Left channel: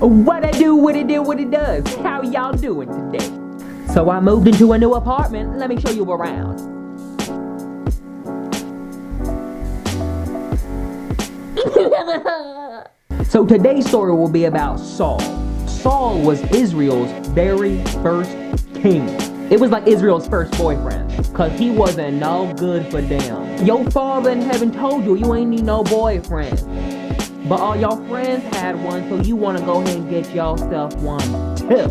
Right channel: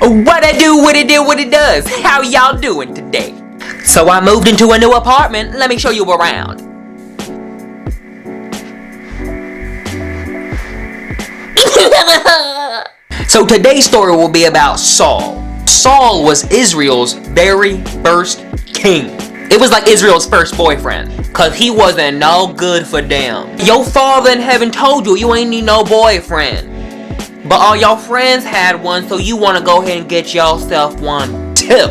What I do, what it do, what it does. How y'all doing today? So I moved into a new apartment. Let me show you around. So today's story will be about Saul. Saul was Israel's very first king. It was like Israel's first boyfriend, cause he wasn't no good for them. Your father in heaven told you you ain't need no boyfriend. But all y'all friends had one, so you want to go ahead and get yourself one too.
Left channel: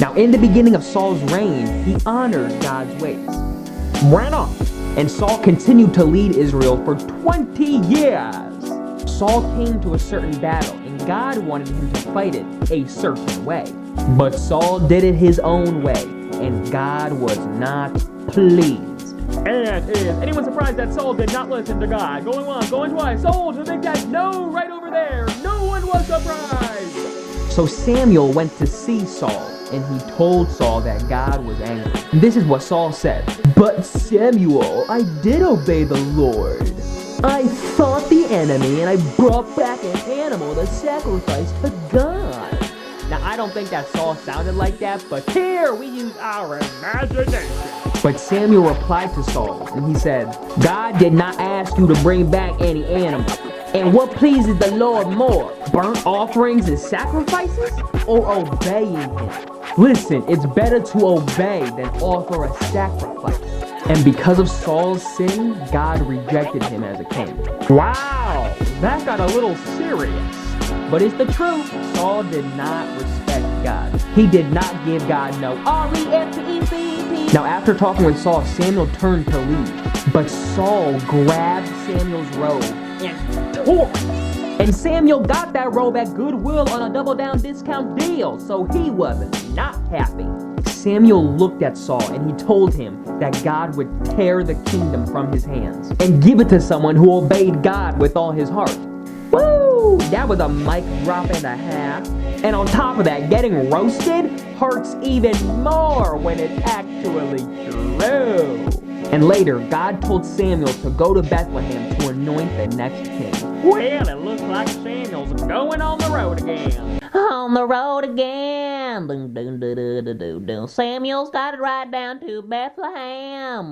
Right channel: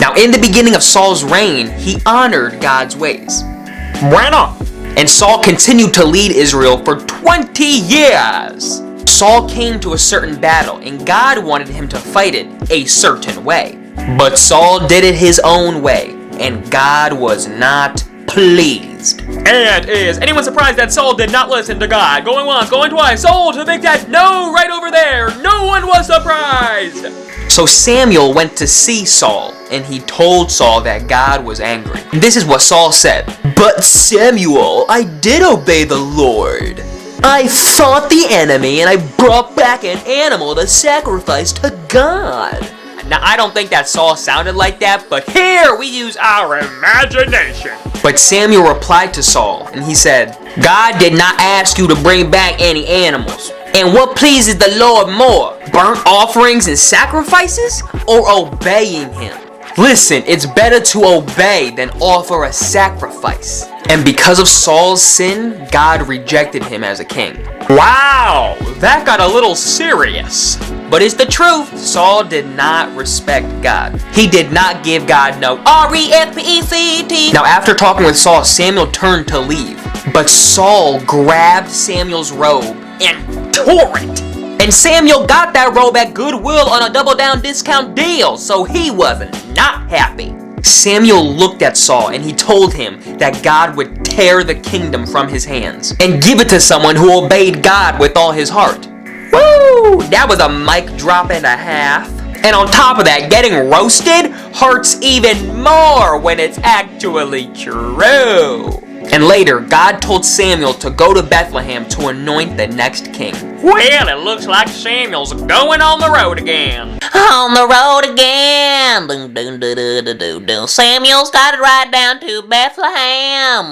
Now, in the beginning of Saul's reign, he honored God's ways. Bueno. And Saul continued to lead Israel for 20 years. Saul came to a certain battle, and God wanted him to fight it a certain way. But Saul did it his own way, and God was not pleased. And is anyone surprised that Saul did not listen to God? Going once, going twice, Saul to the big dad, no, right over there. No one was surprised. So Samuel went to see Saul, and he told Saul that God was angry. This is what Saul said. But Samuel, I did obey the Lord. I fought the enemy, and I brought back an animal to sacrifice to God. Now, I don't think that Saul sounded like that, but here we use our imagination. But Samuel replied to Saul, and he said, God did not ask you to bring back any animals. And what pleases the Lord more, burnt offerings and sacrifices, or obeying him? Listen, it's better to obey than offer a sacrifice. And because of Saul's sin, God rejected him as a king. Wow, that got a little serious. But it's the truth. Saul did not respect God. He did not give God no respect. Now, after talking with Saul, Samuel turned to leave. But Saul grabbed Samuel's robe and tore it. And Samuel got that robe at Goodwill on a double down discount deal, so he wasn't not happy. Samuel looked at Saul and he told him that God would tear the kingdom from his hands and give it to someone who obeyed God with all his heart. Woo! That was a mic drop and a half. And on top of that, getting roasted hurts even more when it's actually true. And later, God told Samuel to go to Bethlehem to anoint the next king. Well, it looks like Samuel's going on the road again. On the road again. Samuel's got to ride down to Bethlehem.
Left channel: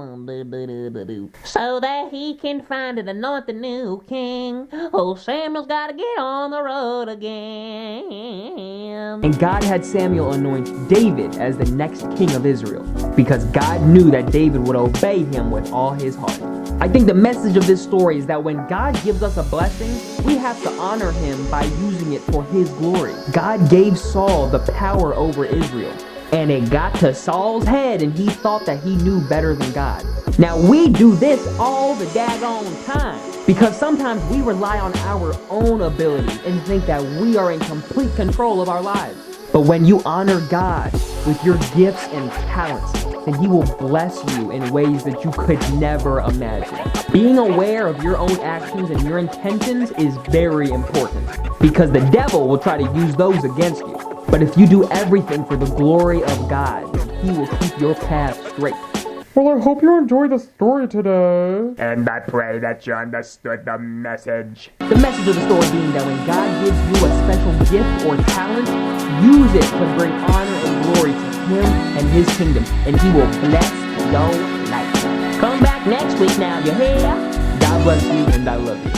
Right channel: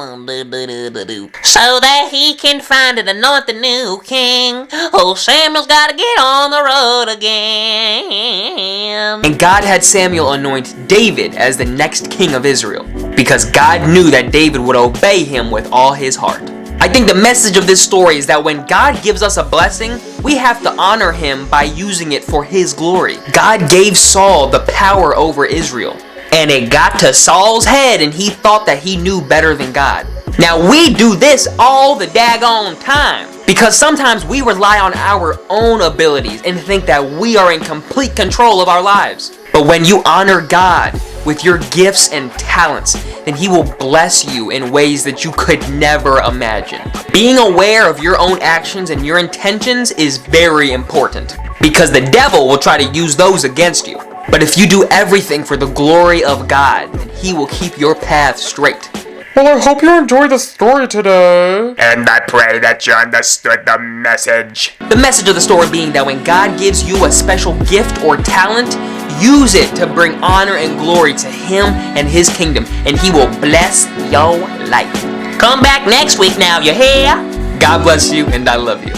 So that he can find and anoint the new king. Oh, Samuel's got to get on the road again. And God had Samuel anoint David as the next king of Israel, because God knew that David would obey him with all his heart. I think the message of this story is that when God gives us a blessing, we have to honor him by using it for his glory. God gave Saul the power over Israel, and it got to Saul's head and he thought that he knew better than God. Now we do this all the daggone time, because sometimes we rely on our own abilities and think that we are in complete control of our lives. But when you honor God with your gifts and talents, then he will bless you in ways that you could never imagine. Being aware of your own actions and your intentions is very important, because the devil will try to use those against you. But if you do everything for the glory of God, then he will keep your path straight. Well, I hope you enjoyed the story today. And I pray that you understood the message. The message of the story being that when God gives you a special gift or talent, use it to bring honor and glory to him and his kingdom, and he will bless your life. Come back next week now, you hear? God bless you, and I love you.